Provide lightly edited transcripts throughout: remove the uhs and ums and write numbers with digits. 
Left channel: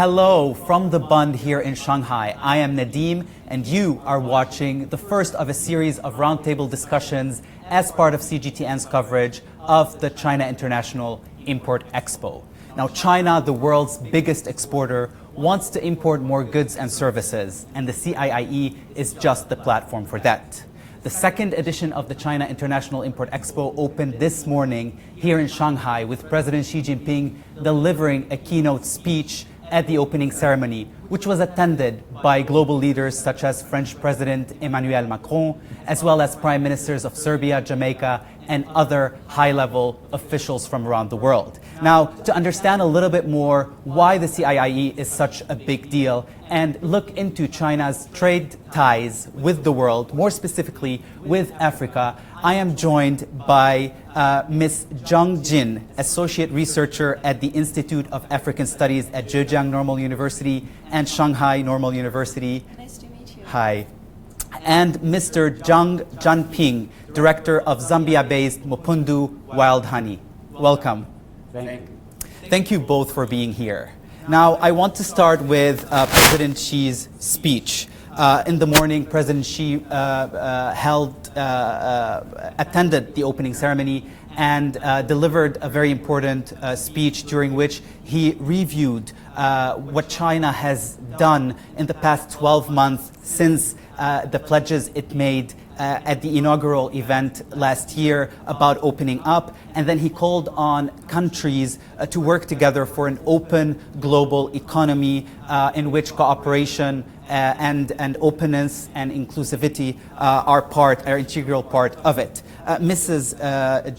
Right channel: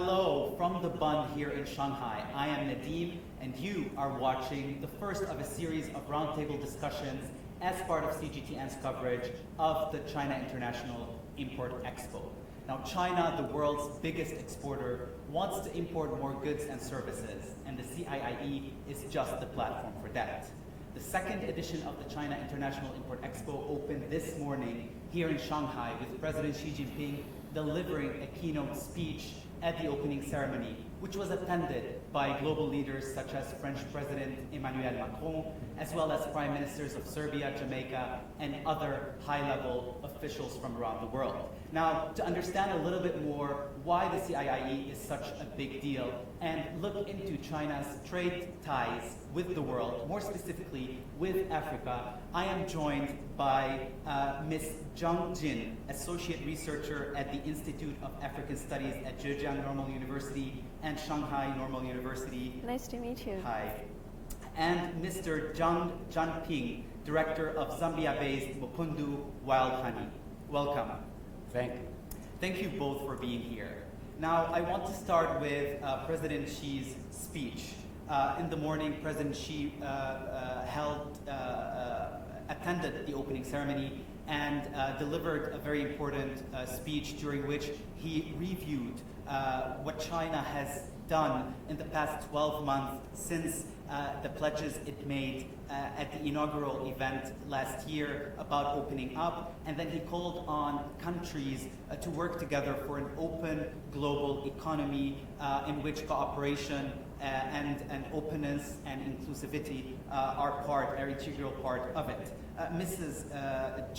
Hello from the Bund here in Shanghai. I am Nadim, and you are watching the first of a series of roundtable discussions as part of CGTN's coverage of the China International Import Expo. Now, China, the world's biggest exporter, wants to import more goods and services, and the CIIE is just the platform for that. The second edition of the China International Import Expo opened this morning here in Shanghai with President Xi Jinping delivering a keynote speech at the opening ceremony, which was attended by global leaders such as French President Emmanuel Macron, as well as prime ministers of Serbia, Jamaica, and other high-level officials from around the world. Now, to understand a little bit more why the CIIE is such a big deal and look into China's trade ties with the world, more specifically with Africa, I am joined by Ms. Zhang Jin, Associate Researcher at the Institute of African Studies at Zhejiang Normal University and Shanghai Normal University. Nice to meet you. Hi. And Mr. Zhang Jianping, Director of Zambia-based Mupundu Wild Honey. Welcome. Thank you both for being here. Now, I want to start with President Xi's speech. In the morning, President Xi attended the opening ceremony and delivered a very important speech during which he reviewed what China has done in the past 12 months since the pledges it made at the inaugural event last year about opening up, and then he called on countries to work together for an open global economy in which cooperation and openness and inclusivity are integral part of it. Mrs.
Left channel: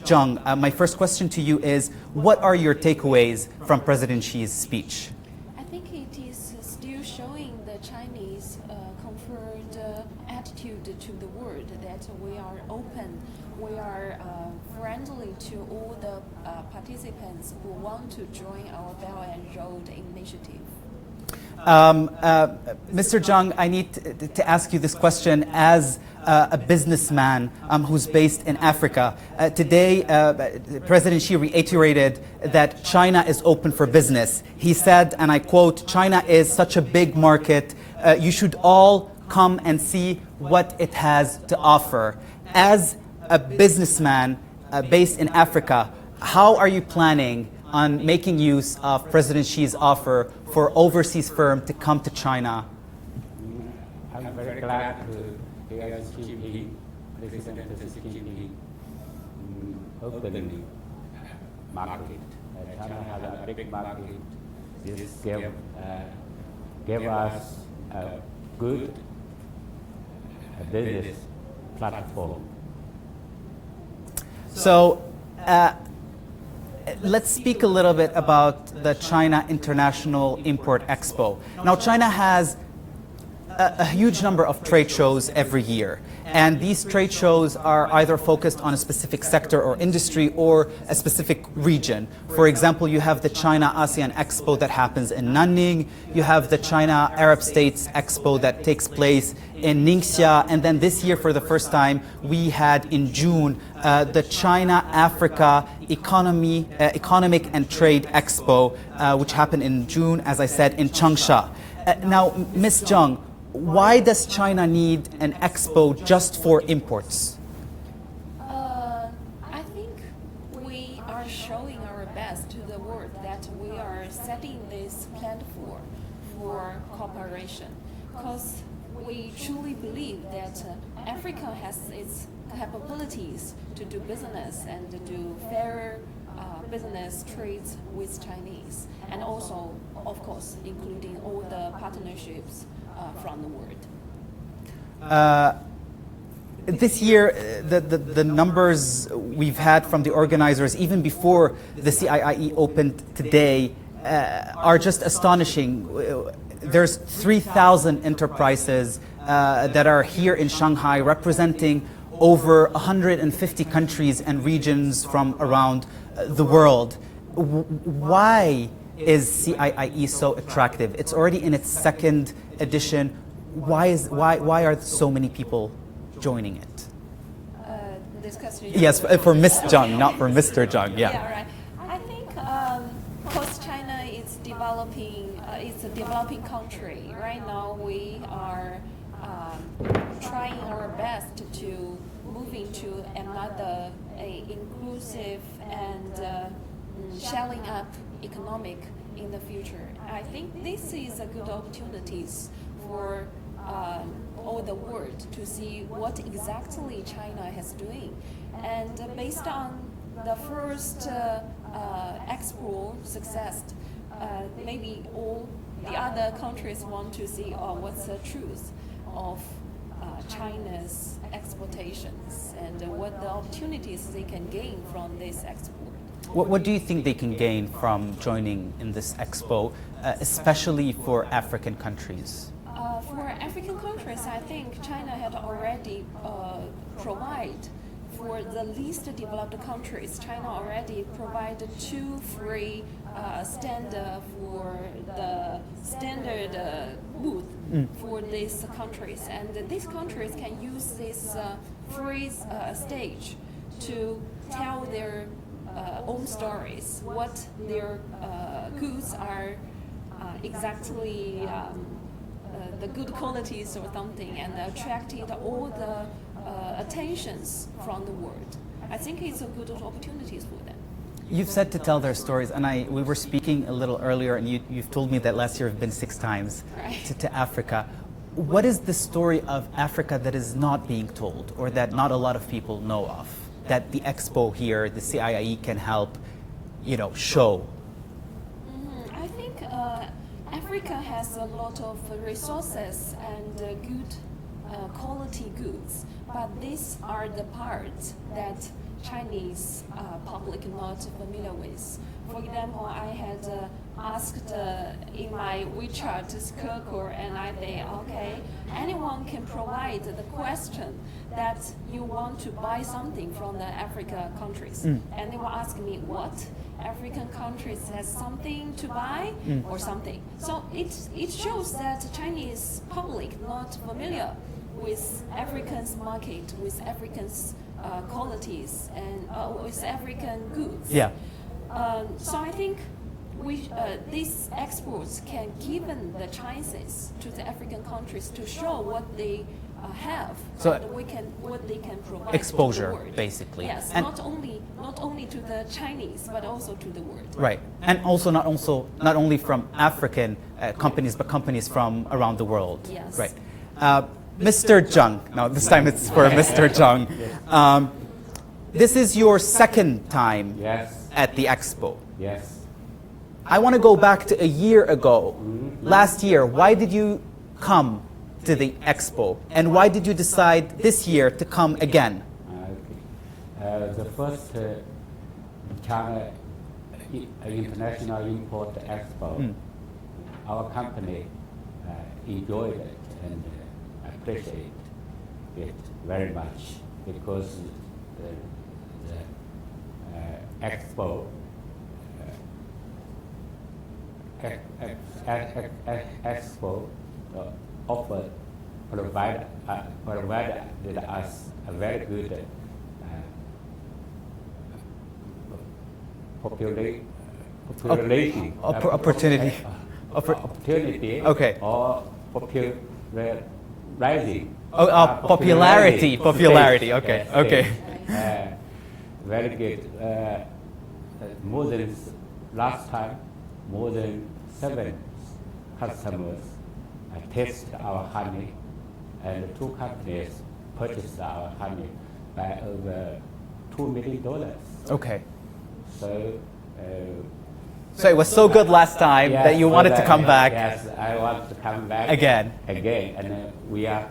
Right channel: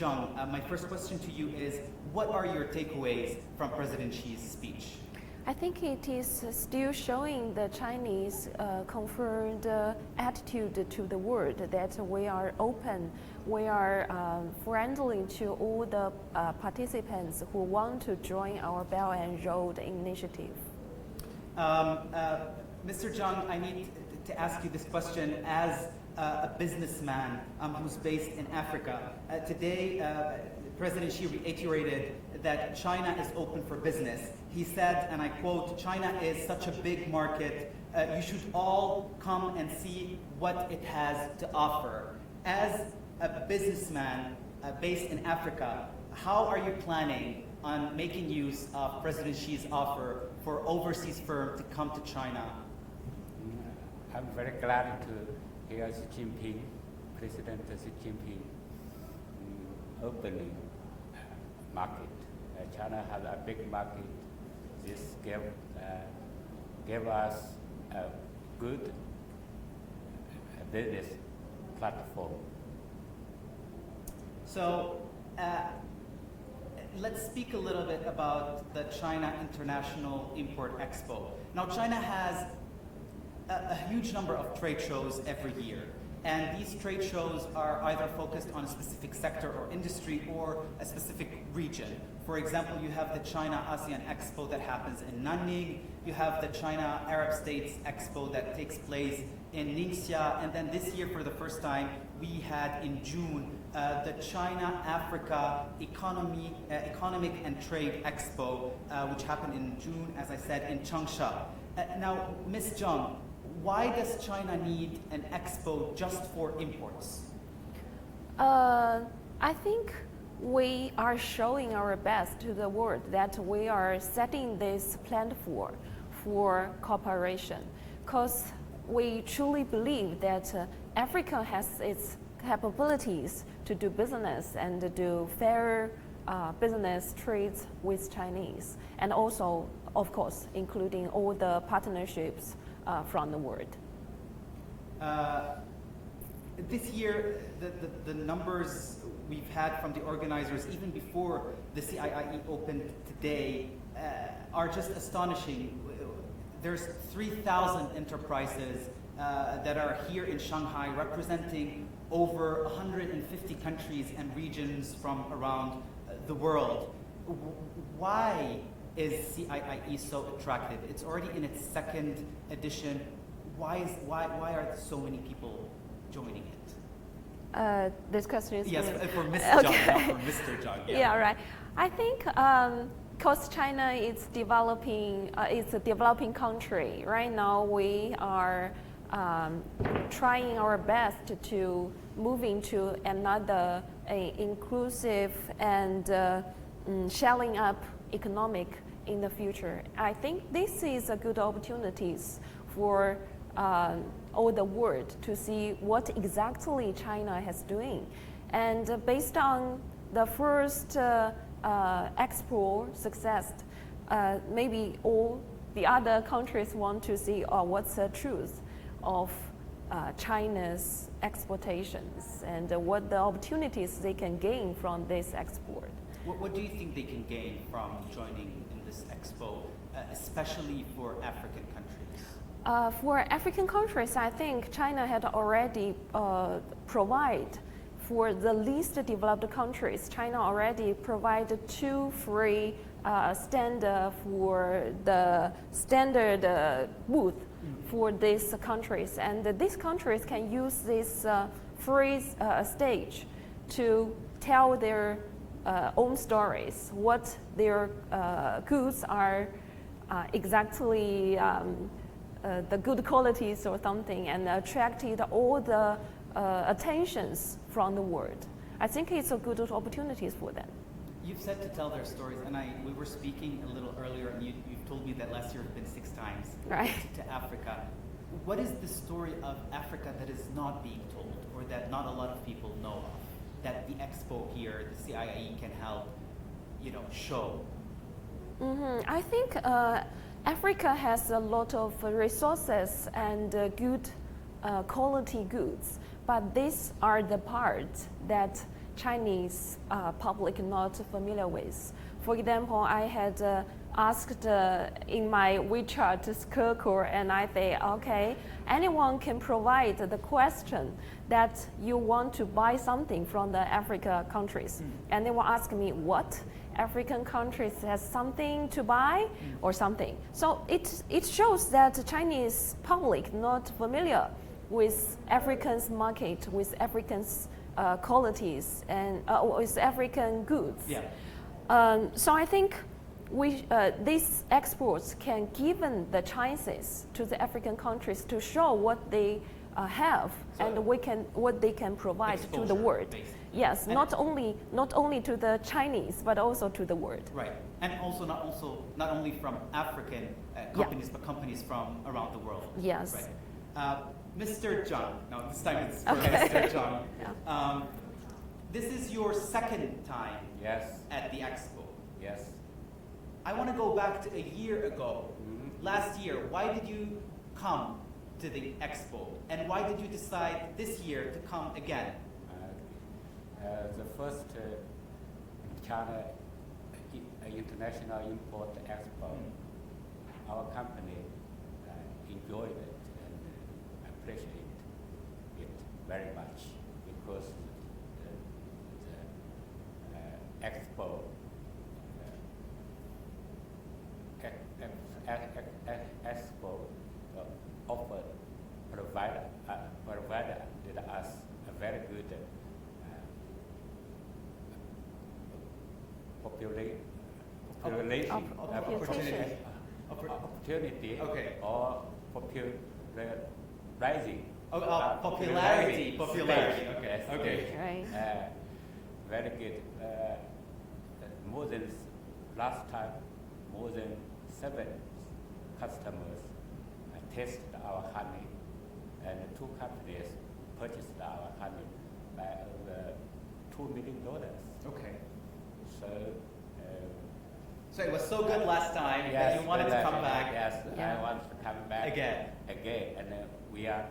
Zhang, my first question to you is, what are your takeaways from President Xi's speech? I think it is still showing the Chinese confirmed attitude to the world that we are open, we are friendly to all the participants who want to join our Belt and Road initiative. Mr. Zhang, I need to ask you this question as a businessman who's based in Africa. Today, President Xi reiterated that China is open for business. He said, and I quote, "China is such a big market, you should all come and see what it has to offer." As a businessman based in Africa, how are you planning on making use of President Xi's offer for overseas firms to come to China? I'm very glad to hear CGTN, President CGTN, opening market. China has a big market. This gave us a good business platform. So, let's speak a little bit about the China International Import Expo. Now, China has a huge number of trade shows every year, and these trade shows are either focused on a specific sector or industry or a specific region. For example, you have the China ASEAN Expo that happens in Nanning, you have the China Arab States Expo that takes place in Ningxia, and then this year for the first time we had in June the China Africa Economic and Trade Expo, which happened in June, as I said, in Changsha. Now, Ms. Zhang, why does China need an expo just for imports? I think we are showing our best to the world that we are setting this platform for cooperation, because we truly believe that Africa has its capabilities to do business and to do fair business trades with Chinese, and also, of course, including all the partnerships from the world. This year, the numbers we've had from the organizers, even before the CIIE opened today, are just astonishing. There's 3,000 enterprises that are here in Shanghai, representing over 150 countries and regions from around the world. Why is CIIE so attractive? It's already in its second edition. Why are so many people joining it? This question. Yes, for Ms. Zhang, not for Mr. Zhang. Yeah. Right. I think because China is developing, it's a developing country. Right now, we are trying our best to move into another inclusive and scaling up economic in the future. I think this is a good opportunity for all the world to see what exactly China is doing. And based on the first Expo success, maybe all the other countries want to see what's the truth of China's exportations and what the opportunities they can gain from this export. What do you think they can gain from joining in this expo, especially for African countries? For African countries, I think China had already provided for the least developed countries. China already provided 2 free standard for the standard wood for these countries, and these countries can use this free stage to tell their own stories, what their goods are exactly the good qualities or something, and attracted all the attentions from the world. I think it's a good opportunity for them. You've said to tell their stories, and we were speaking a little earlier, and you've told me that last year you've been 6 times to Africa. What is the story of Africa that is not being told, or that not a lot of people know of, that the expo here, the CIIE, can help, show? I think Africa has a lot of resources and good quality goods, but these are the parts that Chinese public not familiar with. For example, I had asked in my WeChat circle, and I say, okay, anyone can provide the question that you want to buy something from the Africa countries. And they will ask me, what? African countries has something to buy or something. So it shows that the Chinese public not familiar with African's market, with African's qualities, and with African goods. Yeah. So I think these exports can give the chances to the African countries to show what they have and what they can provide exposure, to the world. Basically. Yes, not only to the Chinese, but also to the world. Right, and also not only from African companies, but companies from around the world. Yes. Right. Mr. Zhang. Now this time it's for Mr. Zhang. This is your 2nd time at the expo. Yes. I want to go back to a year ago. Last year, why did you come to the expo, and why did you decide this year to come again? The first China International Import Expo, our company enjoyed it and appreciate it very much, because the expo provided us a very good population Opportunity. Opportunity. Okay. Or rising. Popularity. Okay. Yes, Okay. yes. Very good. More than last time, more than 7 customers tasted our honey, and 2 companies purchased our honey by over $2 million. Okay. So it was so good last time that you wanted to come back. Yes, I want to come back again, and we are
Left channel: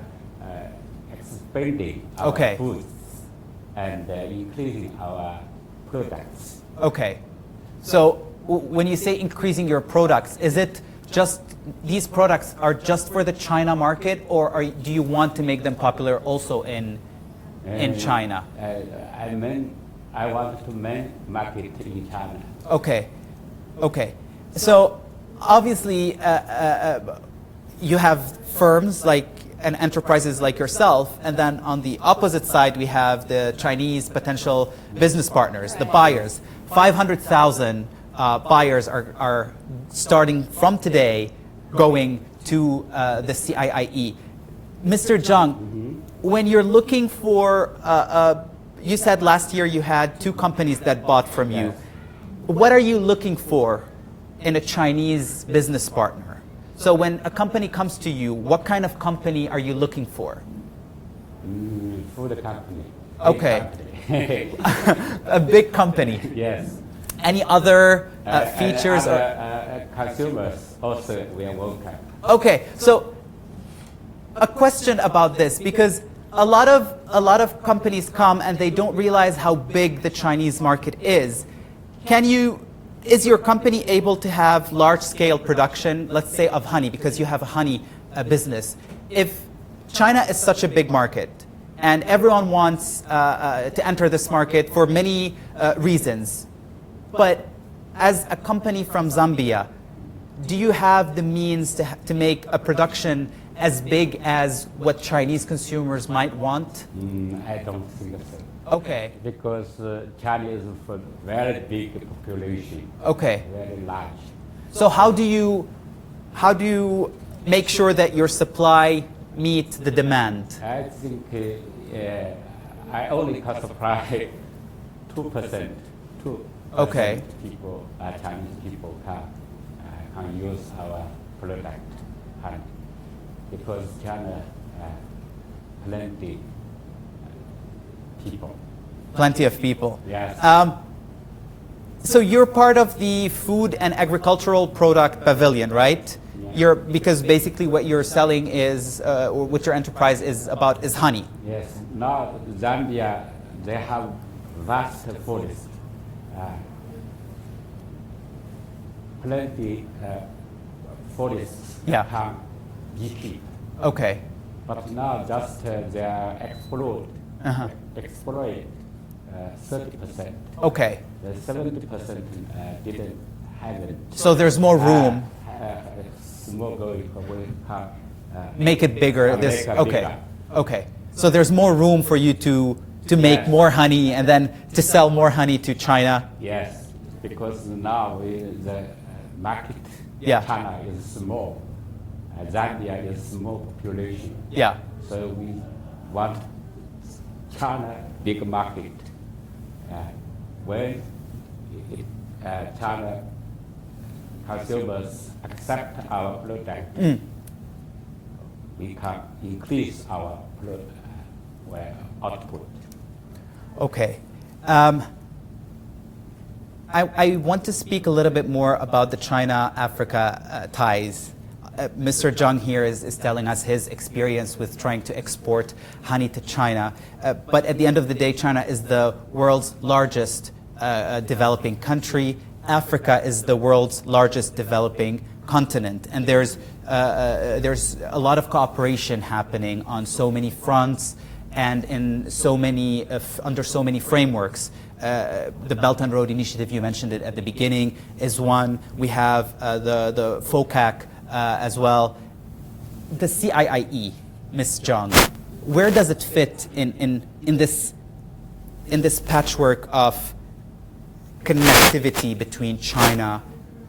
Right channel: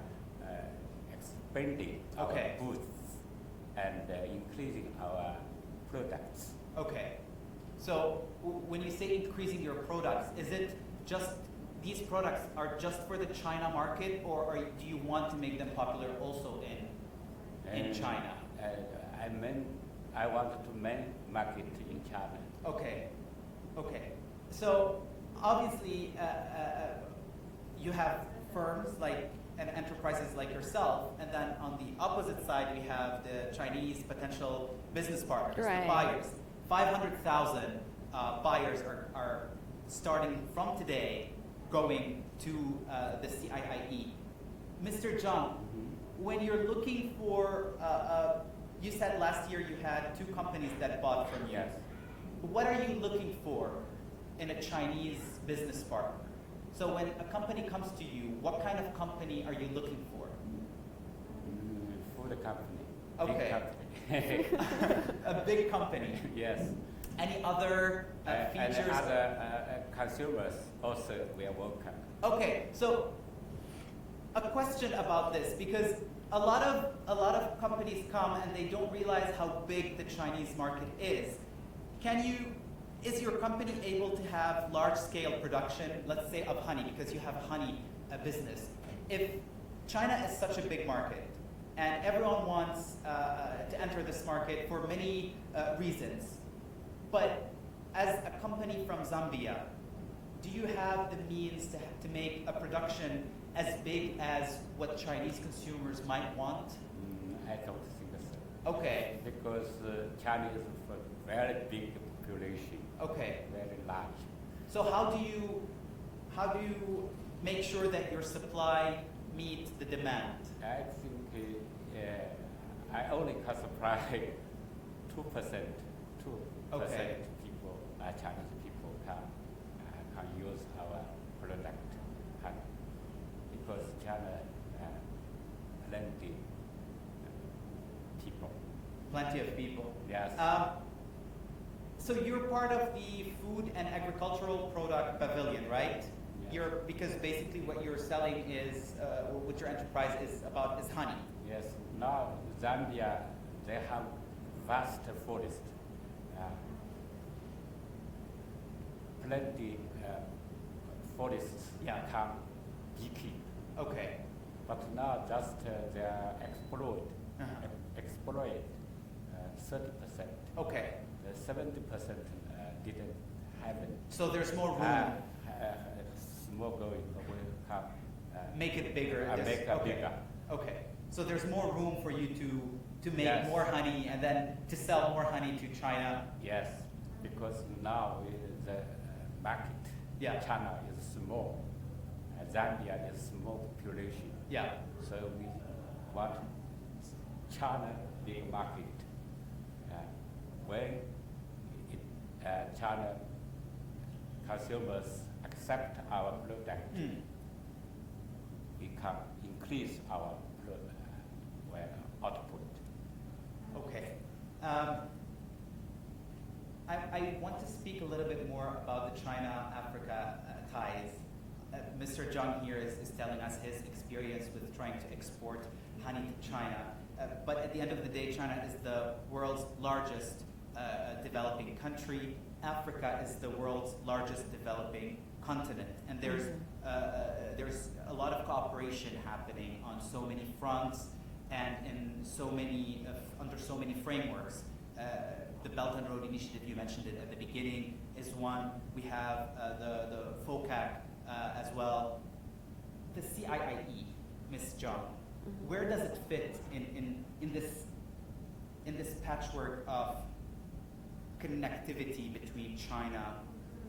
expanding our foods and increasing our products. Okay. So when you say increasing your products, is it just these products are just for the China market, or do you want to make them popular also in China? I want to market in China. Okay. Okay. So obviously you have firms and enterprises like yourself, and then on the opposite side we have the Chinese potential business partners, the buyers. 500,000 buyers are starting from today going to the CIIE. Mr. Zhang, when you're looking for, you said last year you had 2 companies that bought from you. What are you looking for in a Chinese business partner? So when a company comes to you, what kind of company are you looking for? Food company. Okay. Big A big company. Yes. Any other features? Consumers also we are welcome. Okay, so a question about this, because a lot of companies come and they don't realize how big the Chinese market is. Is your company able to have large-scale production, let's say of honey, because you have a honey business? If China is such a big market and everyone wants to enter this market for many reasons, but as a company from Zambia, do you have the means to make a production as big as what Chinese consumers might want? I don't think so. Okay. Because China is a very big population. Okay. Very large. So how do you make sure that your supply meets the demand? I think I only can supply 2%. Okay. People, Chinese people can use our product, honey, because China plenty people. Plenty of people. Yes. So you're part of the Food and Agricultural Product Pavilion, right? Yeah. Because basically what you're selling is, or what your enterprise is about, is honey. Yes. Now Zambia, they have vast forest, plenty forests Yeah. can beekeep. Okay. But now just they are exploit Uh-huh. 30%. Okay. The 70% didn't have it. So there's more room. Small going away can Make it bigger. Make it Okay. bigger. Okay. So there's more room for you to make Yes. more honey and then to sell more honey to China. Yes, because now the market Yeah. China is small. Zambia is small population. Yeah. So we want China big market. When China consumers accept our product, we can increase our output. Okay. I want to speak a little bit more about the China-Africa ties. Mr. Zhang here is telling us his experience with trying to export honey to China. But at the end of the day, China is the world's largest developing country. Africa is the world's largest developing continent. And there's a lot of cooperation happening on so many fronts and in so many, under so many frameworks. The Belt and Road Initiative, you mentioned it at the beginning, is one. We have the FOCAC as well. The CIIE, Ms. Zhang, where does it fit in this patchwork of connectivity between China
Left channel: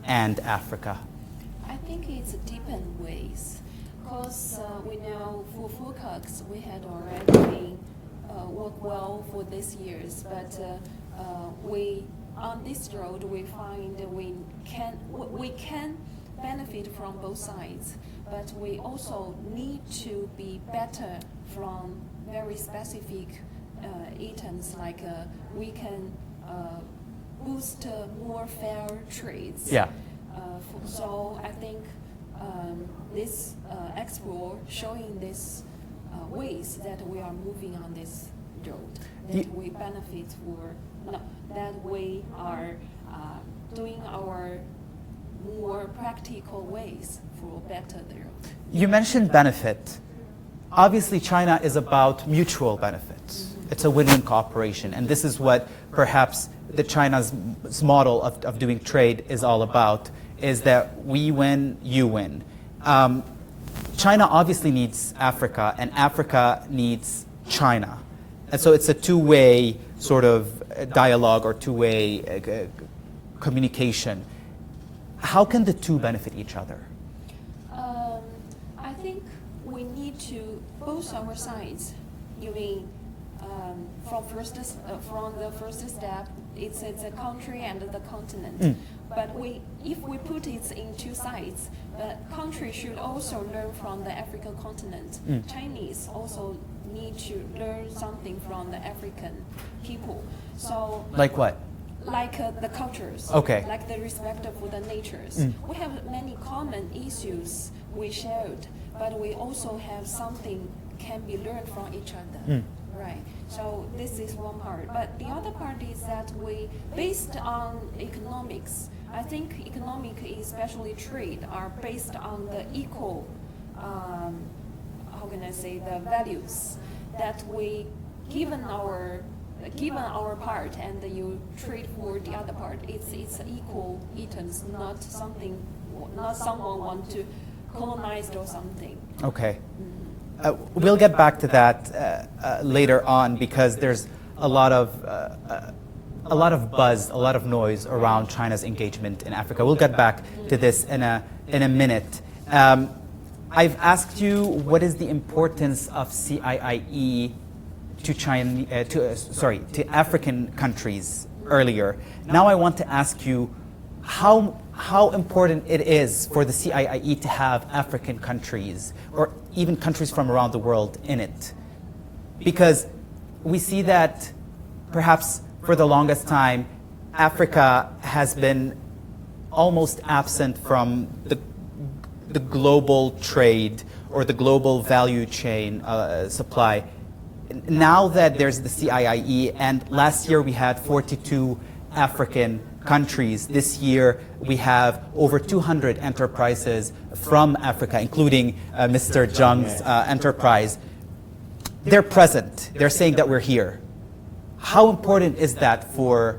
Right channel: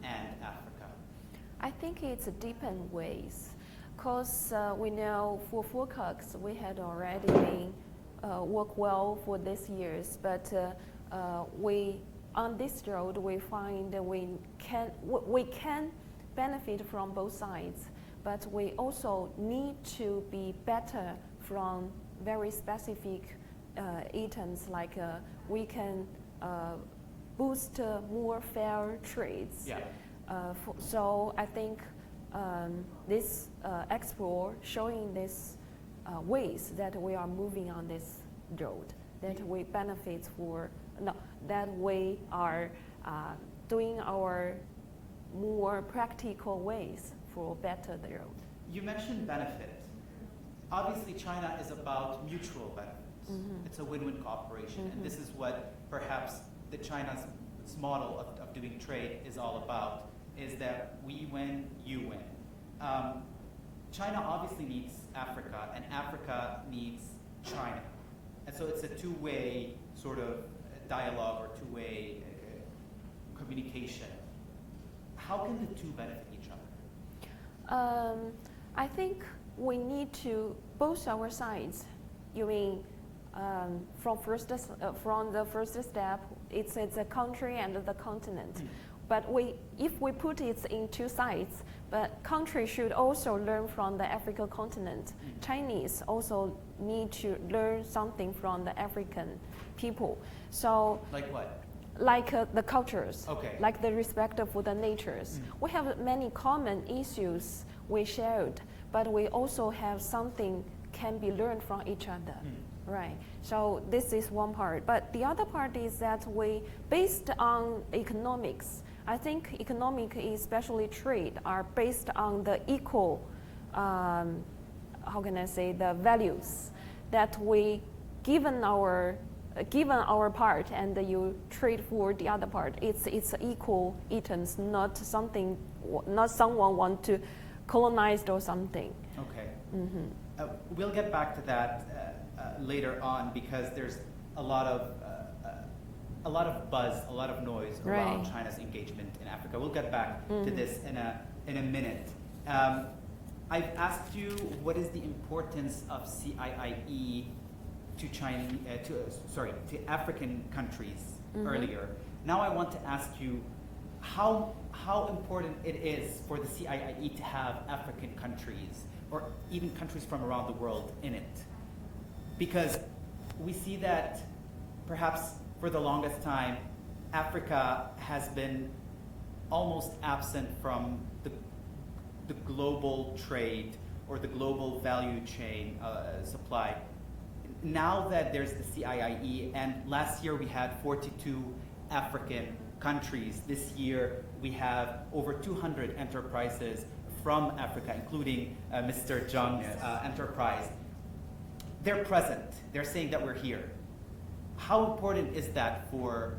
and Africa? I think it's deep in ways, because we know for FOCAC we had already worked well for this years, but we on this road we find that we can benefit from both sides, but we also need to be better from very specific items, like we can boost more fair trades. Yeah. So I think this expo showing this ways that we are moving on this road, that we benefit that we are doing our more practical ways for better there. You mentioned benefit. Obviously, China is about mutual benefits. It's a win-win cooperation, and this is what perhaps the China's model of doing trade is all about, is that we win, you win. China obviously needs Africa, and Africa needs China. And so it's a two-way sort of dialogue or two-way communication. How can the two benefit each other? I think we need to both our sides. You mean from the first step, it's a country and the continent. But if we put it in two sides, but countries should also learn from the African continent. Chinese also need to learn something from the African people. So Like what? like the cultures, Okay. like the respect for the natures. We have many common issues we shared, but we also have something can be learned from each other, right? So this is one part. But the other part is that based on economics, I think economic, especially trade, are based on the equal, how can I say, the values that we given our part and you trade for the other part. It's equal items, not someone want to colonize or something. Okay. We'll get back to that later on because there's a lot of buzz, a lot of noise around China's engagement in Africa. We'll get back to this in a minute. I've asked you what is the importance of CIIE to African countries earlier. Now I want to ask you how important it is for the CIIE to have African countries or even countries from around the world in it. Because we see that perhaps for the longest time, Africa has been almost absent from the global trade or the global value chain supply. Now that there's the CIIE, and last year we had 42 African countries. This year we have over 200 enterprises from Africa, including Mr. Zhang's enterprise. They're present. They're saying that we're here. How important is that for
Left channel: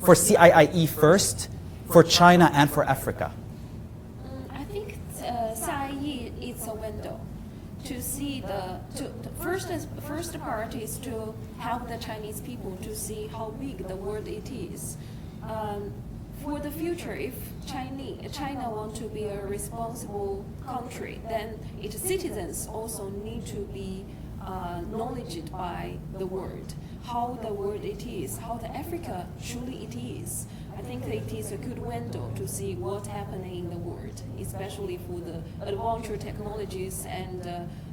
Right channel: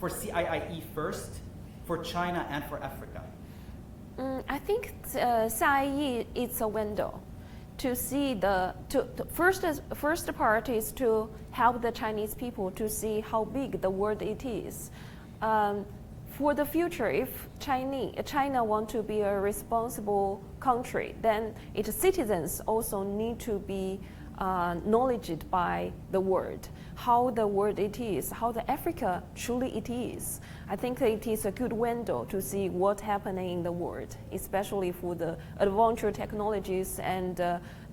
CIIE first, for China and for Africa? I think CIIE is a window to see first part is to help the Chinese people to see how big the world it is. For the future, if China want to be a responsible country, then its citizens also need to be knowledgeable by the world, how the world it is, how the Africa truly it is. I think it is a good window to see what's happening in the world, especially for the advanced technologies and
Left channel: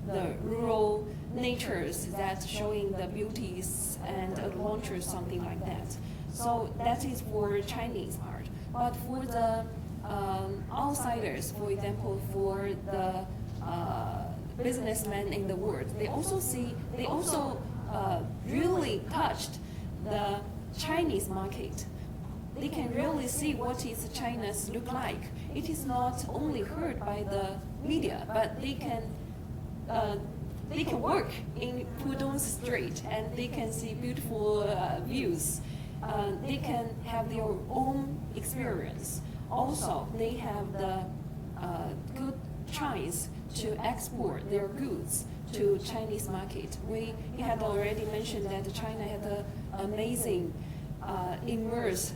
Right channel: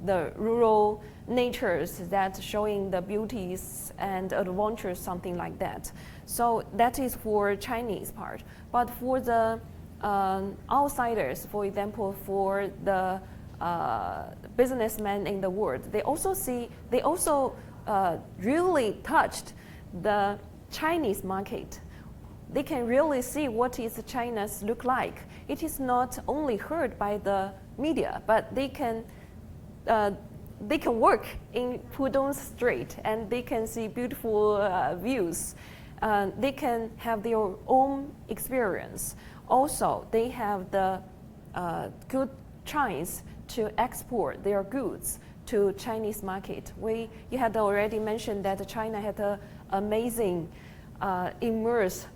the rural natures that showing the beauties and adventures, something like that. So that is for Chinese part. But for the outsiders, for example, for the businessmen in the world, they also really touched the Chinese market. They can really see what is China's look like. It is not only heard by the media, but they can work in Pudong Street and they can see beautiful views. They can have their own experience. Also, they have the good chance to export their goods to Chinese market. You had already mentioned that China had an amazing immerse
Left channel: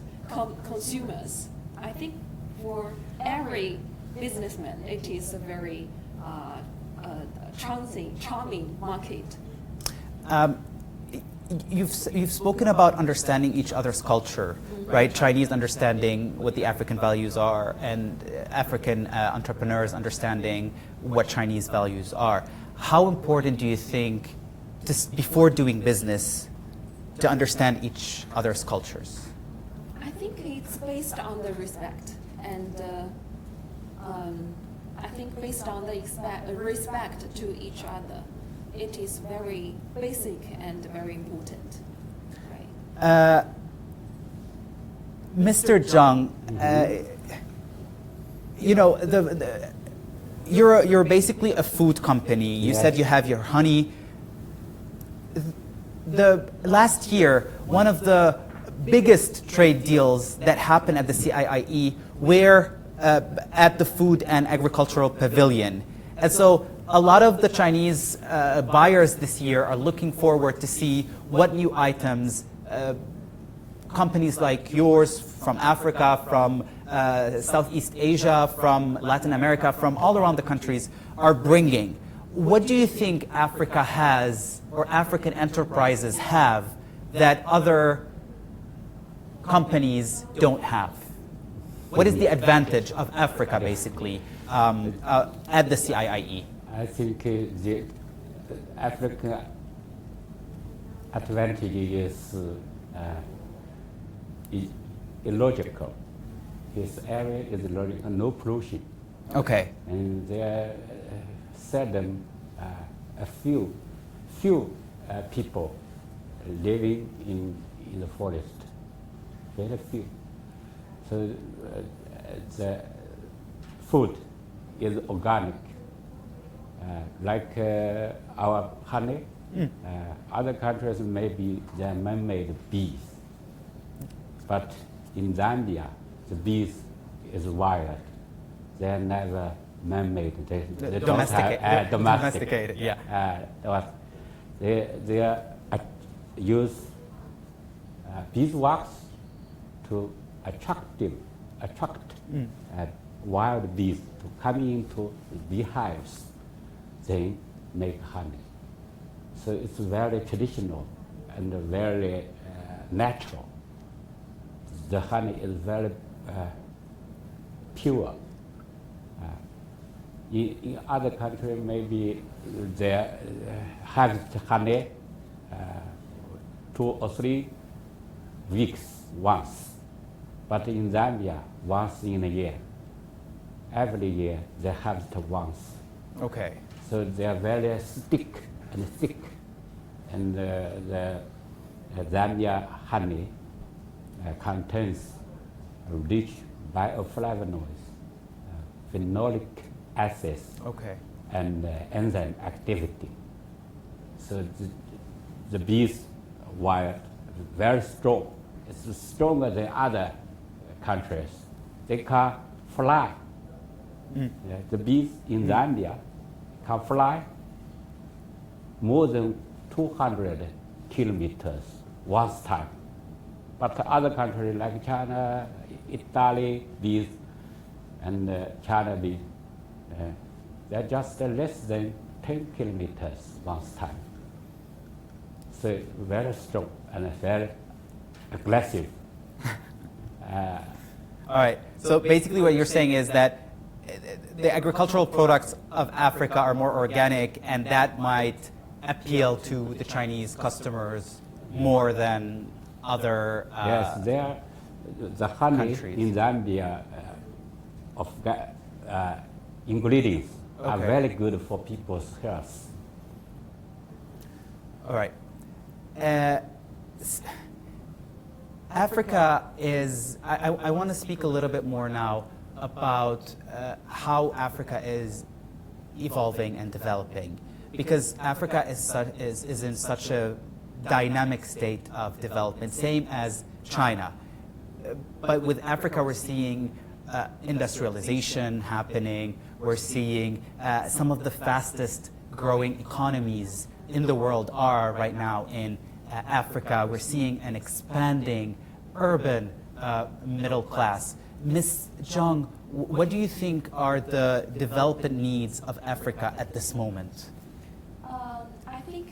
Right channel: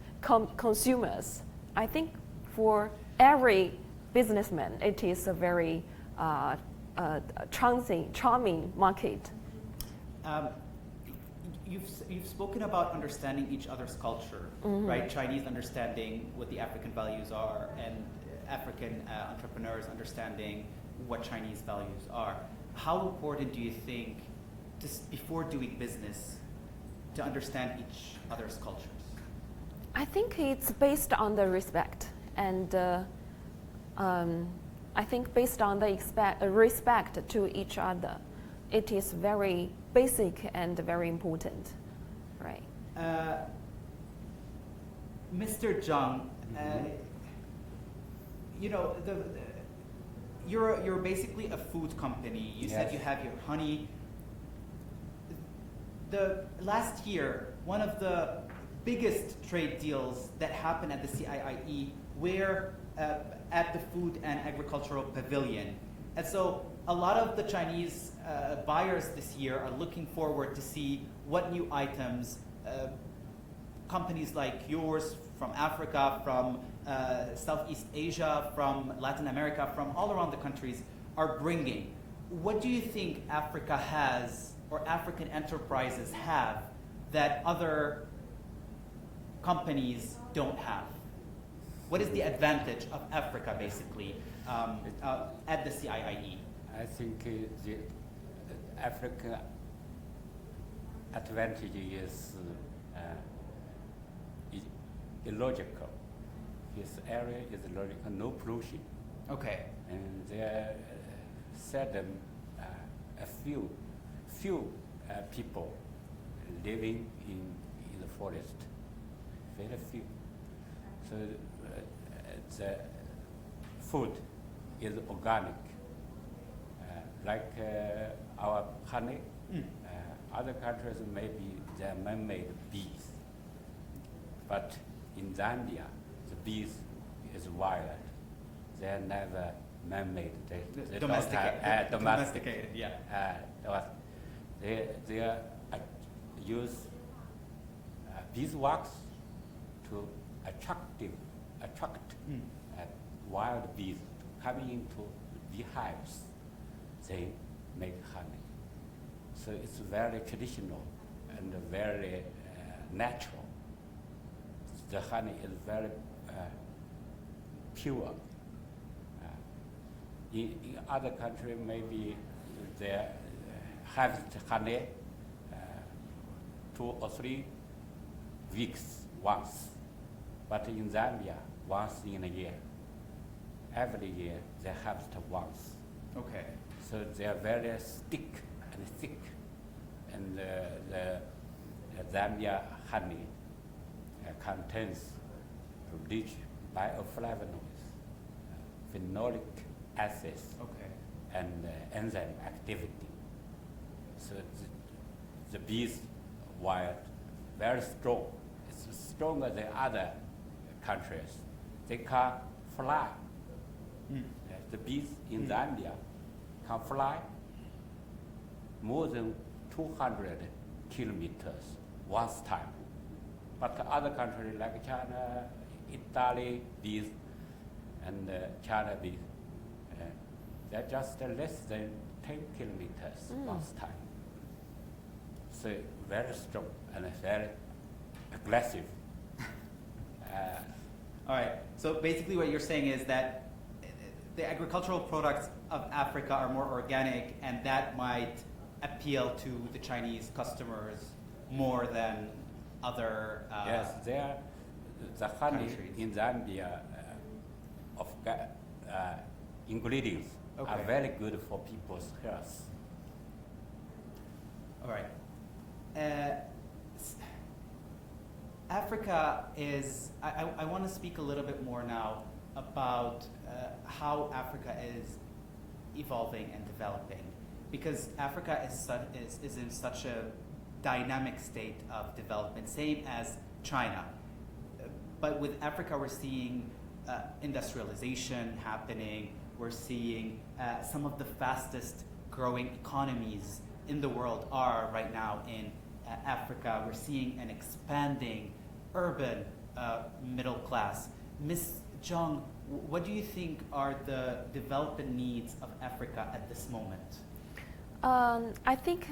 consumers. I think for every businessman, it is a very charming market. You've spoken about understanding each other's culture, right? Chinese understanding what the African values are, and African entrepreneurs understanding what Chinese values are. How important do you think, before doing business, to understand each other's cultures? I think it's based on the respect, and I think based on the respect to each other, it is very basic and very important, right? Mr. Zhang, you know, you're basically a food company. You said you have your honey. The last year, one of the biggest trade deals that happened at the CIIE were at the Food and Agricultural Pavilion. And so a lot of the Chinese buyers this year are looking forward to see what new items companies like yours from Africa, from Southeast Asia, from Latin America, from all around the countries are bringing. What do you think Africa has, or African enterprises have, that other companies don't have? What is the advantage of Africa, basically, at the CIIE? I think the Africa advantage is illogical. His area is illogical, no pollution. Okay. And there are seldom a few people living in the forest, very few. So the food is organic, like our honey. Other countries maybe they're man-made bees, but in Zambia the bees is wild. They're never man-made. They don't have domesticated. Yeah. They use beeswax to attract wild bees to come into beehives. They make honey. So it's very traditional and very natural. The honey is very pure. In other countries, maybe they harvest honey 2 or 3 weeks once, but in Zambia, once in a year. Every year they harvest once. Okay. So they are very thick, and the Zambia honey contains rich bioflavonoids, phenolic acids, Okay. and enzyme activity. So the bees were very strong. It's stronger than other countries. They can fly. Yeah, the bees in Zambia can fly more than 200 kilometers one time. But other countries like China, Italy bees, and China bees, they're just less than 10 kilometers one time. So very strong and very aggressive. All right. So basically what you're saying is that the agricultural products of Africa are more organic, and that might appeal to the Chinese customers more than other yes, the honey countries. in Zambia of ingredients are Okay. very good for people's health. All right. Africa is, I want to speak a little bit more now about how Africa is evolving and developing, because Africa is in such a dynamic state of development, same as China. But with Africa, we're seeing industrialization happening. We're seeing some of the fastest growing economies in the world are right now in Africa. We're seeing an expanding urban middle class. Ms. Zhang, what do you think are the development needs of Africa at this moment? I think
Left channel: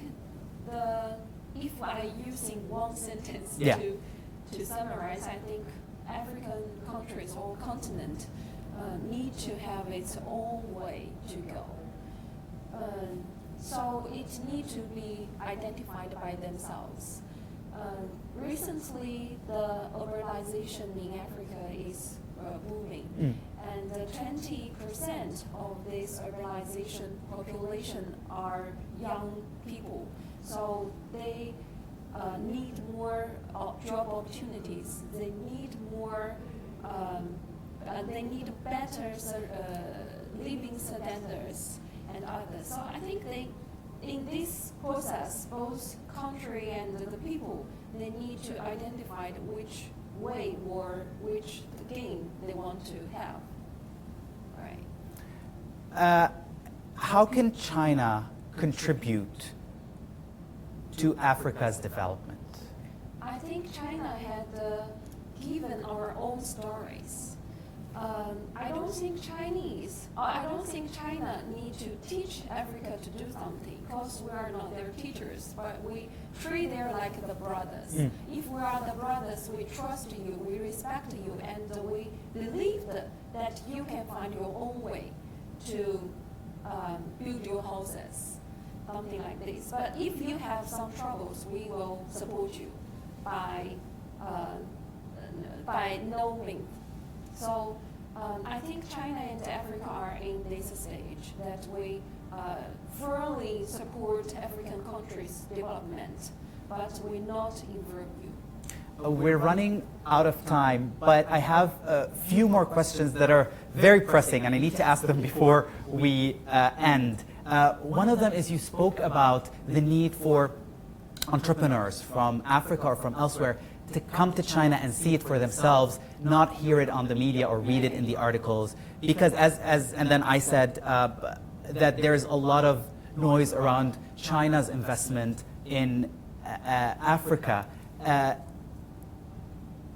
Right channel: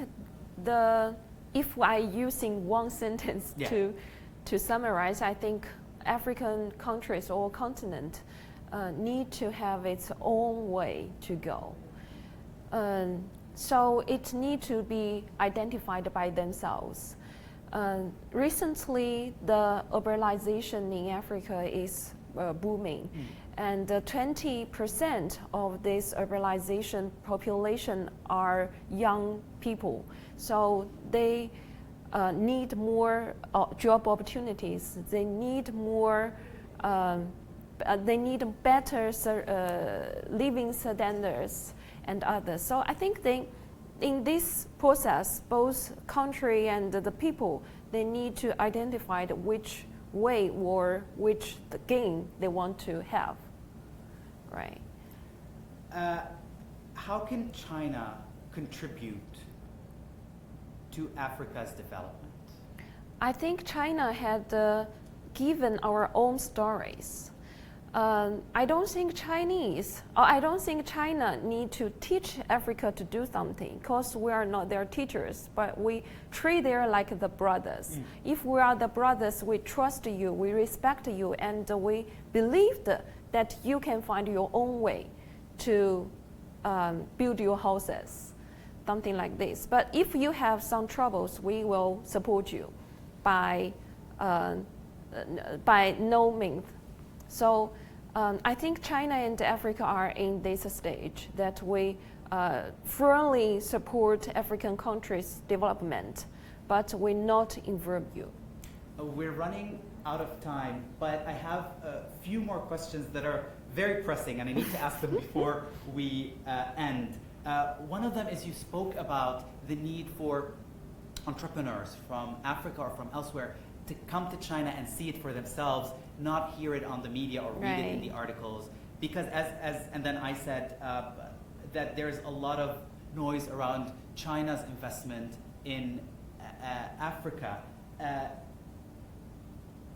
if I using one sentence to summarize, I think African countries or continent need to have its own way to go. So it needs to be identified by themselves. Recently, the urbanization in Africa is booming, and 20% of this urbanization population are young people. So they need more job opportunities. They need more. They need better living standards and others. So I think in this process, both country and the people, they need to identify which way or which the game they want to have, right? How can China contribute to Africa's development? I think China had given our own stories. I don't think China need to teach Africa to do something because we are not their teachers, but we treat them like the brothers. If we are the brothers, we trust you, we respect you, and we believe that you can find your own way to build your houses, something like this. But if you have some troubles, we will support you by no means. So I think China and Africa are in this stage that we firmly support African countries' development, but we not involve you. We're running out of time, but I have a few more questions that are very pressing, and I need to ask them before we end. One of them is you spoke about the need for entrepreneurs from Africa or from elsewhere to come to China and see it for themselves, not hear it on the media or read it in the articles. Because and then I said that there's a lot of noise around China's investment in Africa.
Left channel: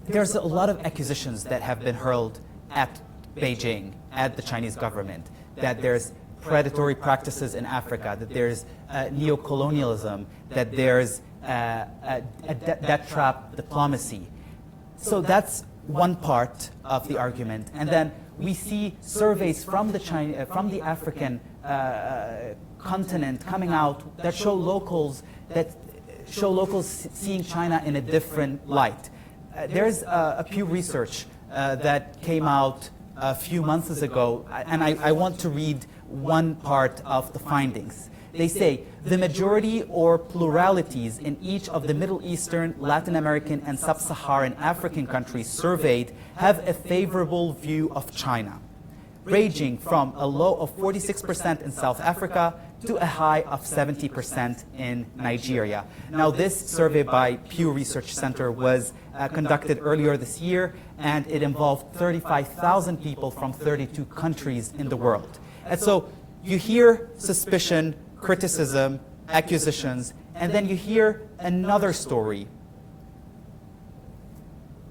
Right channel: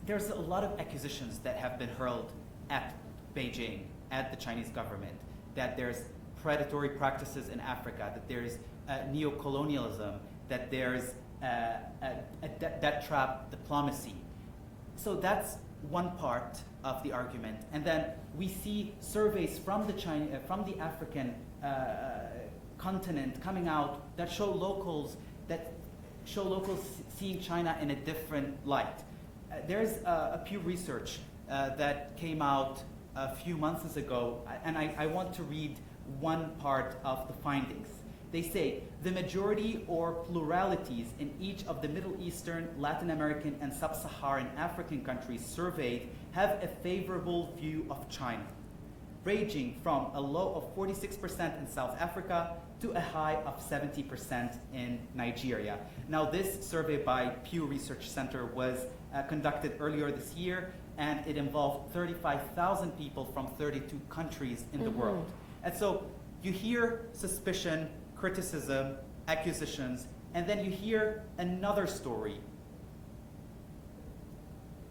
There's a lot of accusations that have been hurled at Beijing, at the Chinese government, that there's predatory practices in Africa, that there's neo-colonialism, that there's debt trap diplomacy. So that's one part of the argument. And then we see surveys from the African continent coming out that show locals seeing China in a different light. There's a Pew Research that came out a few months ago, and I want to read one part of the findings. They say, the majority or pluralities in each of the Middle Eastern, Latin American, and Sub-Saharan African countries surveyed have a favorable view of China, ranging from a low of 46% in South Africa to a high of 70% in Nigeria. Now, this survey by Pew Research Center was conducted earlier this year, and it involved 35,000 people from 32 countries in the world. And so you hear suspicion, criticism, accusations, and then you hear another story.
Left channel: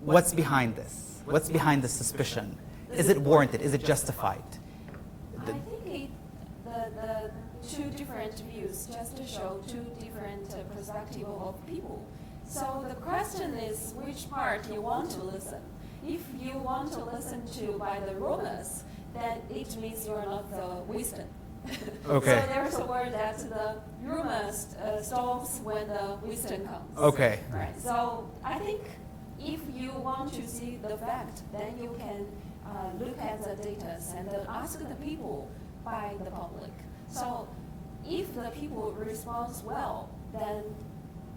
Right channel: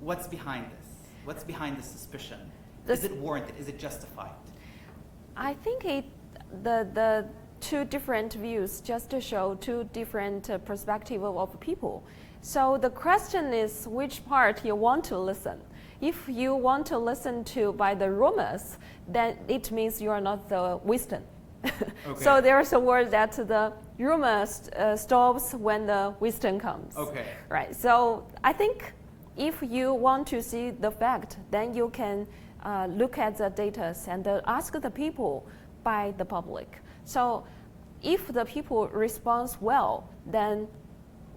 What's behind this? What's behind the suspicion? Is it warranted? Is it justified? I think the two different views just to show two different perspectives of people. So the question is which part you want to listen. If you want to listen to by the rumors, then it means you are not the wisdom. Okay. So there's a word that the rumors stops when the wisdom comes. Okay. Right. So I think if you want to see the fact, then you can look at the data and ask the people by the public. So if the people respond well, then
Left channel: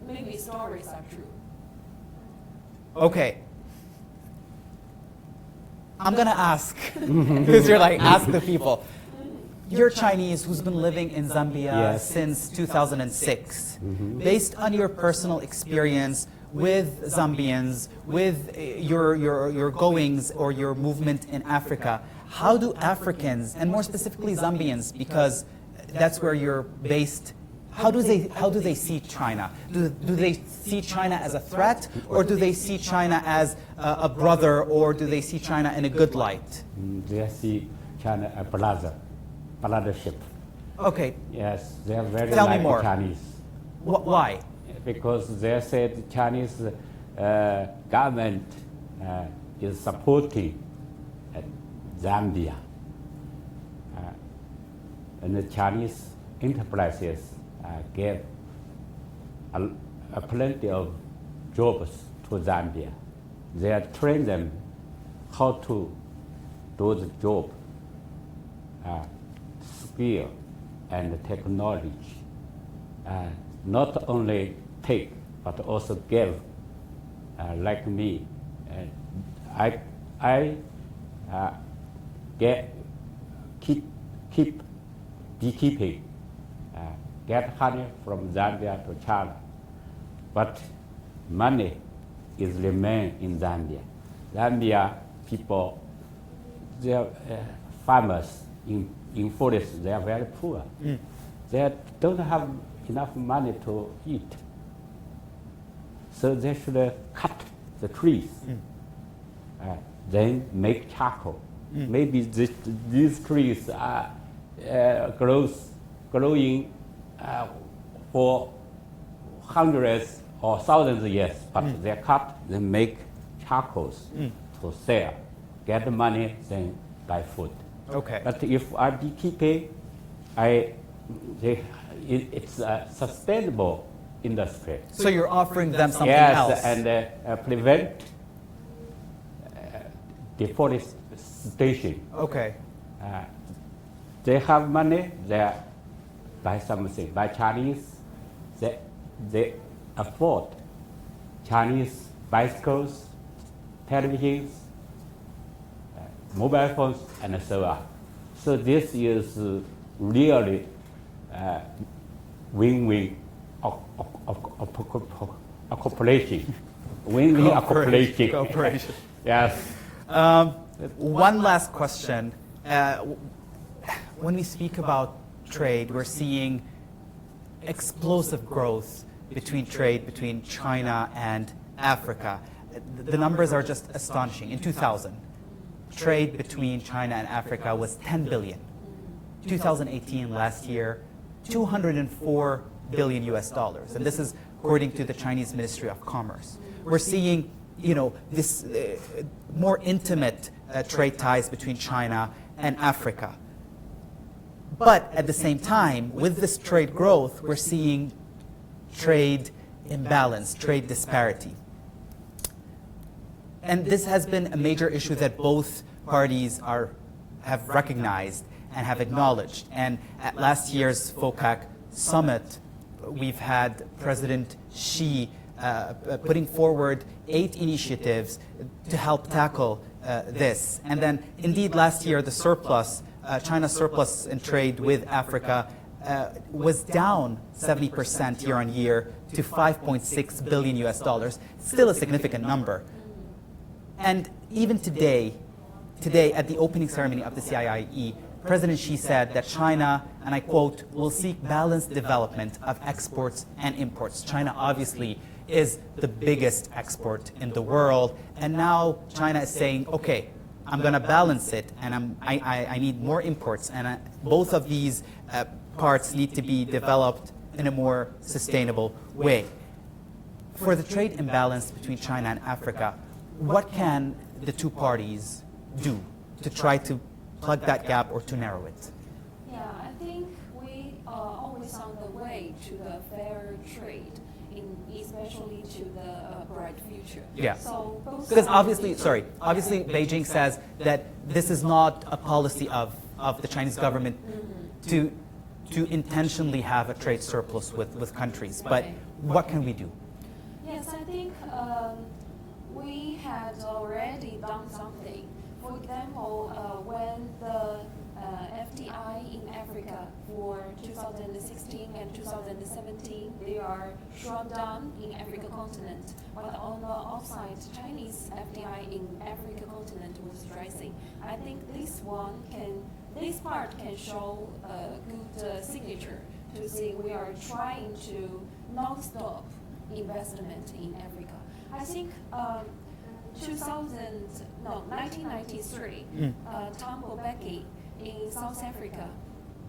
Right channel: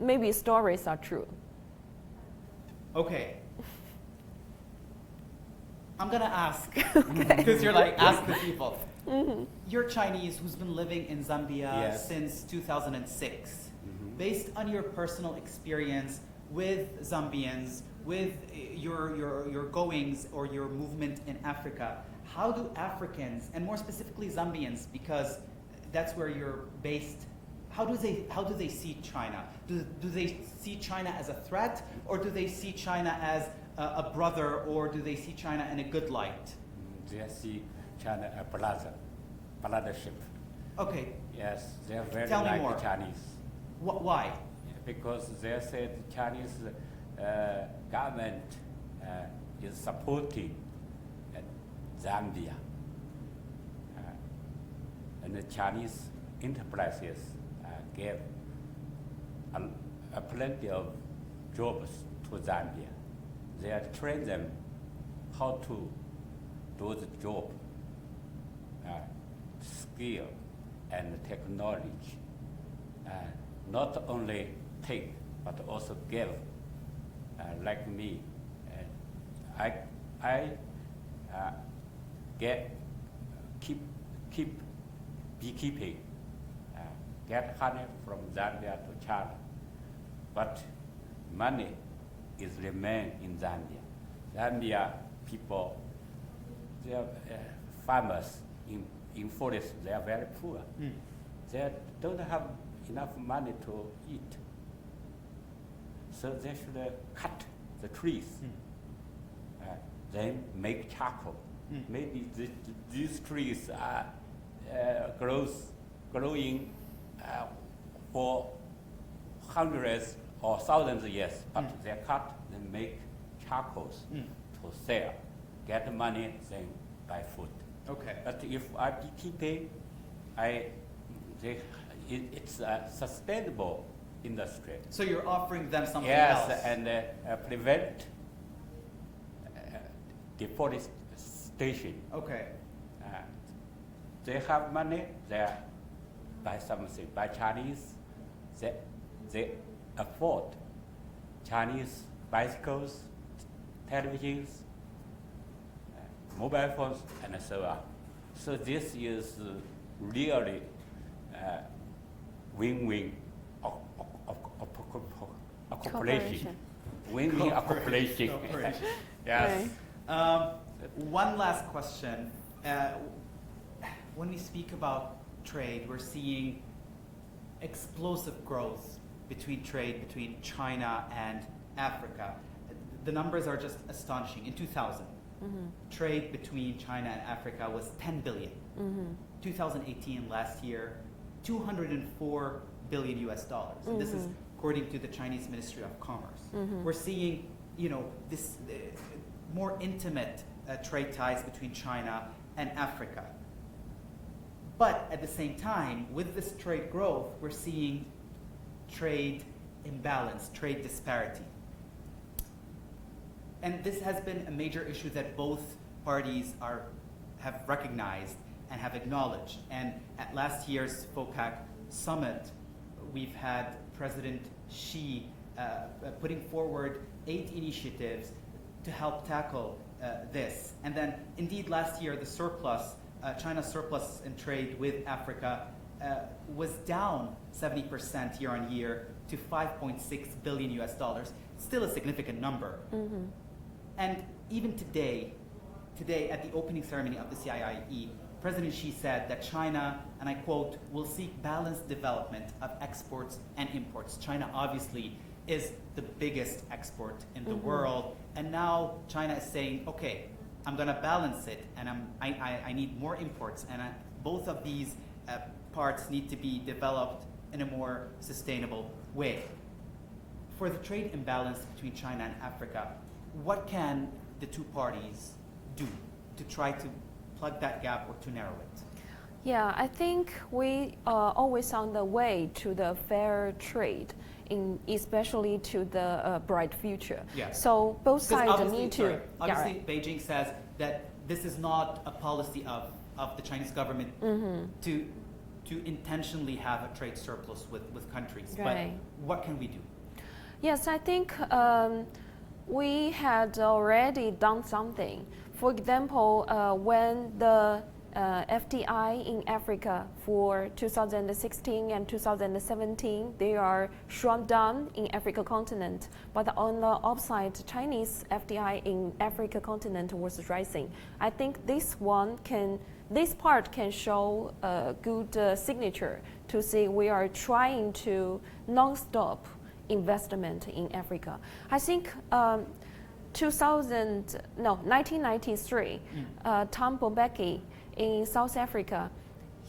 maybe stories are true. Okay. I'm going to ask, because you're like, ask the people. You're Chinese who's been living in Zambia since 2006. Based on your personal experience with Zambians, with your goings or your movement in Africa, how do Africans, and more specifically Zambians, because that's where you're based, how do they see China? Do they see China as a threat, or do they see China as a brother, or do they see China in a good light? They see China a brothership. Okay. Yes, they are very Tell like me more. Chinese. Why? Because they said Chinese government is supporting Zambia, and the Chinese enterprises gave plenty of jobs to Zambia. They train them how to do the job, skill and technology. Not only take, but also give. Like me, I keep beekeeping, get honey from Zambia to China, but money is remain in Zambia. Zambia people, they are farmers in forest. They are very poor. They don't have enough money to eat. So they should cut the trees, then make charcoal. Maybe these trees are growing for hundreds or thousands of years, but they cut, they make charcoals to sell, get the money, then buy food. Okay. But if I beekeeping, it's a sustainable industry. So you're offering them something Yes, else. and prevent deforestation. Okay. They have money, they buy something. Buy Chinese, they afford Chinese bicycles, televisions, mobile phones, and so on. So this is really win-win cooperation. Win-win cooperation. Cooperation. Yes. One last question. When we speak about trade, we're seeing explosive growth between trade between China and Africa. The numbers are just astonishing. In 2000, trade between China and Africa was 10 billion. 2018, last year, 204 billion US dollars. And this is according to the Chinese Ministry of Commerce. We're seeing, this more intimate trade ties between China and Africa. But at the same time, with this trade growth, we're seeing trade imbalance, trade disparity. And this has been a major issue that both parties have recognized and have acknowledged. And at last year's FOPAC summit, we've had President Xi putting forward 8 initiatives to help tackle this. And then, indeed, last year, the surplus, China's surplus in trade with Africa was down 70% year on year to 5.6 billion US dollars, still a significant number. And even today at the opening ceremony of the CIIE, President Xi said that China, and I quote, will seek balanced development of exports and imports. China obviously is the biggest export in the world, and now China is saying, okay, I'm going to balance it, and I need more imports, and both of these parts need to be developed in a more sustainable way. For the trade imbalance between China and Africa, what can the two parties do to try to plug that gap or to narrow it? Yeah, I think we are always on the way to the fair trade, especially to the bright future. Yeah. So both sides Because obviously, need to, obviously Beijing says that this is not a policy of the Chinese government to intentionally have a trade surplus with countries. But Right. what can we do? Yes, I think we had already done something. For example, when the FDI in Africa for 2016 and 2017, they are shrunk down in Africa continent. But on the upside, Chinese FDI in Africa continent was rising. I think this part can show a good signature to say we are trying to non-stop investment in Africa. I think 1993, Tom Mbeki in South Africa,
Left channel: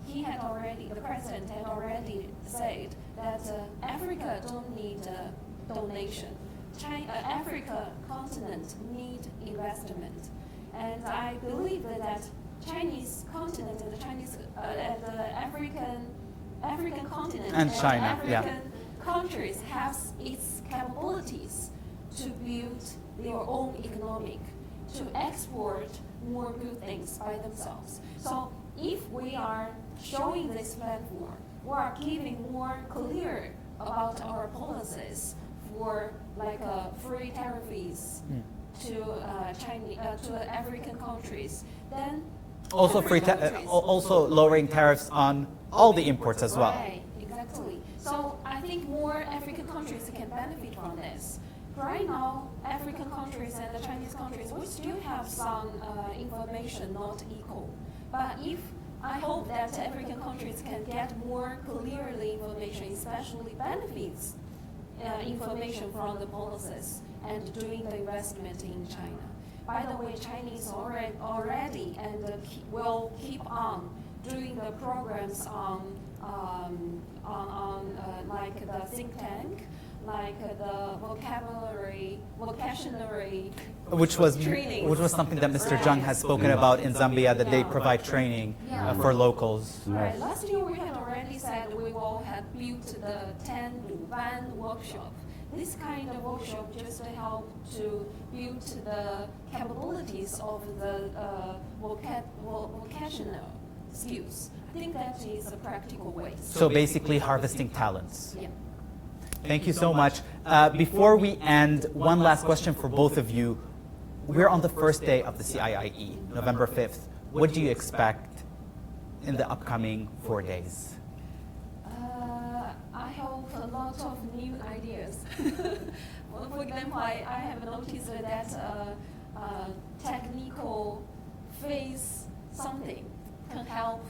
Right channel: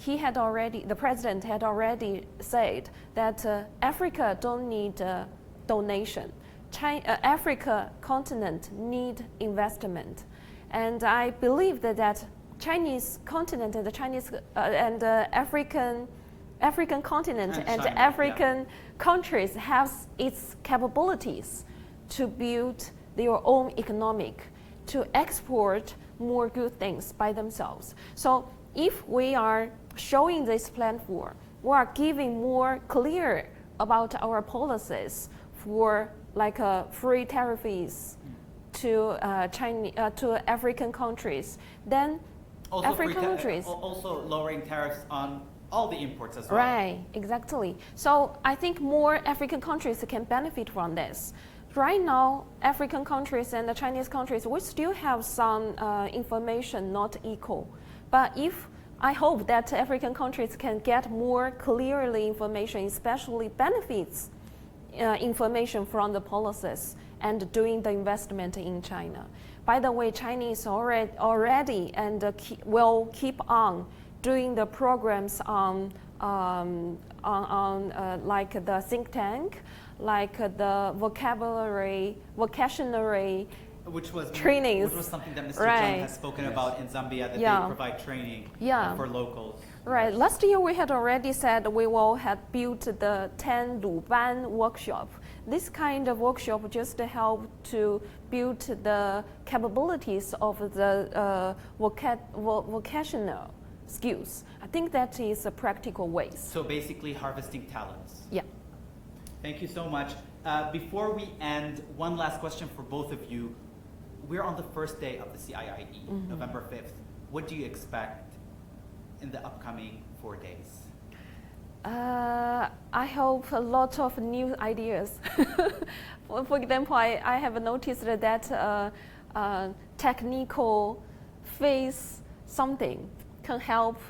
the president had already said that Africa don't need donation. Africa continent need investment, and I believe that Chinese continent and the Chinese and the African continent And and China, the African countries have its capabilities to build their own economic, to export more good things by themselves. So if we are showing this platform, we are giving more clear about our policies for like free tariffs to African countries, then Also, African countries. also lowering tariffs on all the imports as well. Right, exactly. So I think more African countries can benefit from this. Right now, African countries and the Chinese countries, we still have some information not equal. But I hope that African countries can get more clearly information, especially benefits information from the policies and doing the investment in China. By the way, Chinese already and will keep on doing the programs on like the think tank, like the vocabulary which was trainings. Which was something that Mr. Right. Zhang has spoken about in Zambia, that they provide training for locals. Right. Last year we had already said we will have built the 10 Luban workshop. This kind of workshop just to help to build the capabilities of the vocational skills. I think that is a practical way. So basically harvesting talents. Yeah. Thank you so much. Before we end, one last question for both of you. We're on the first day of the CIIE, November 5th. What do you expect in the upcoming 4 days? I hope a lot of new ideas. Well, for example, I have noticed that technical face something can help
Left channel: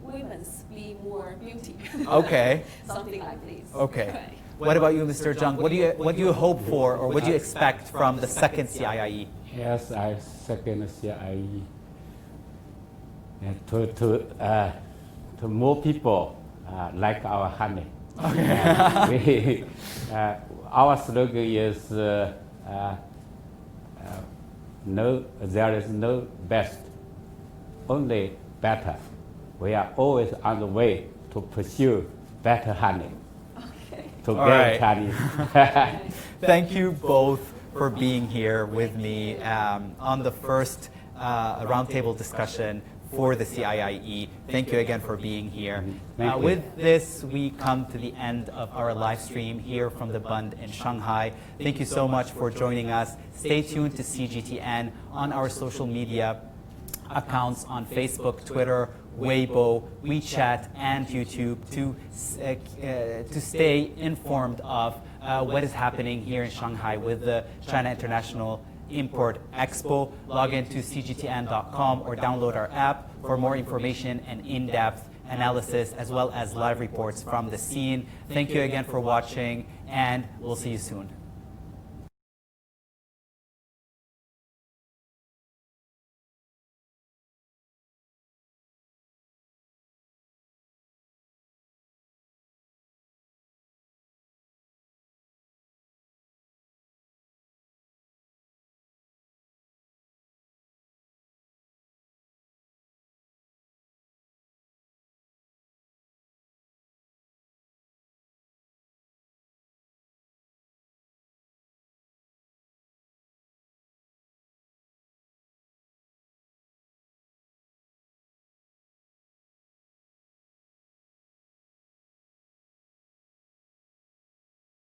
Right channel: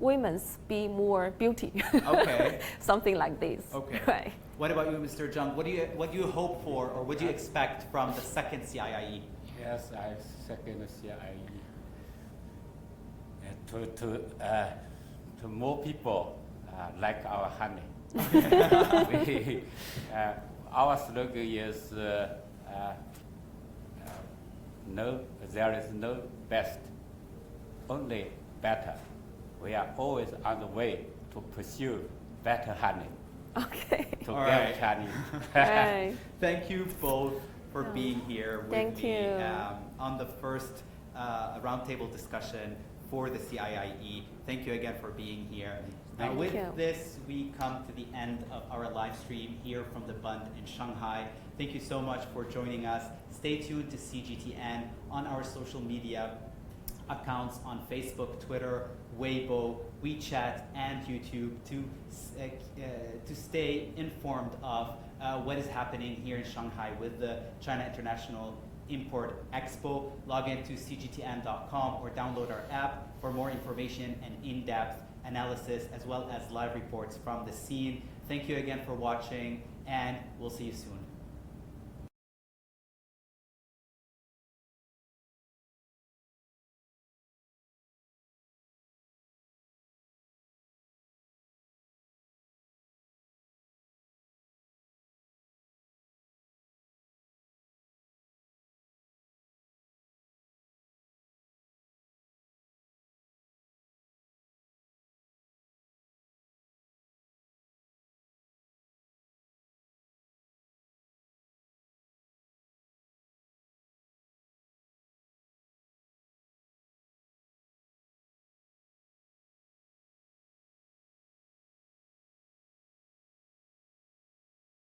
women be more beauty. Okay. Something like this. Okay. Right. What about you, Mr. Zhang? What do you hope for, or what do you expect from the second CIIE? Yes, I second CIIE. To more people like our honey. Our slogan is no, there is no best, only better. We are always on the way to pursue better honey. Okay. To All get right. Chinese. Right. Thank you both for being here with Thank me you. on the first roundtable discussion for the CIIE. Thank you again for being here. Thank you. With this, we come to the end of our live stream here from the Bund in Shanghai. Thank you so much for joining us. Stay tuned to CGTN on our social media accounts on Facebook, Twitter, Weibo, WeChat, and YouTube to stay informed of what is happening here in Shanghai with the China International Import Expo. Log into cgtn.com or download our app for more information and in-depth analysis, as well as live reports from the scene. Thank you again for watching, and we'll see you soon.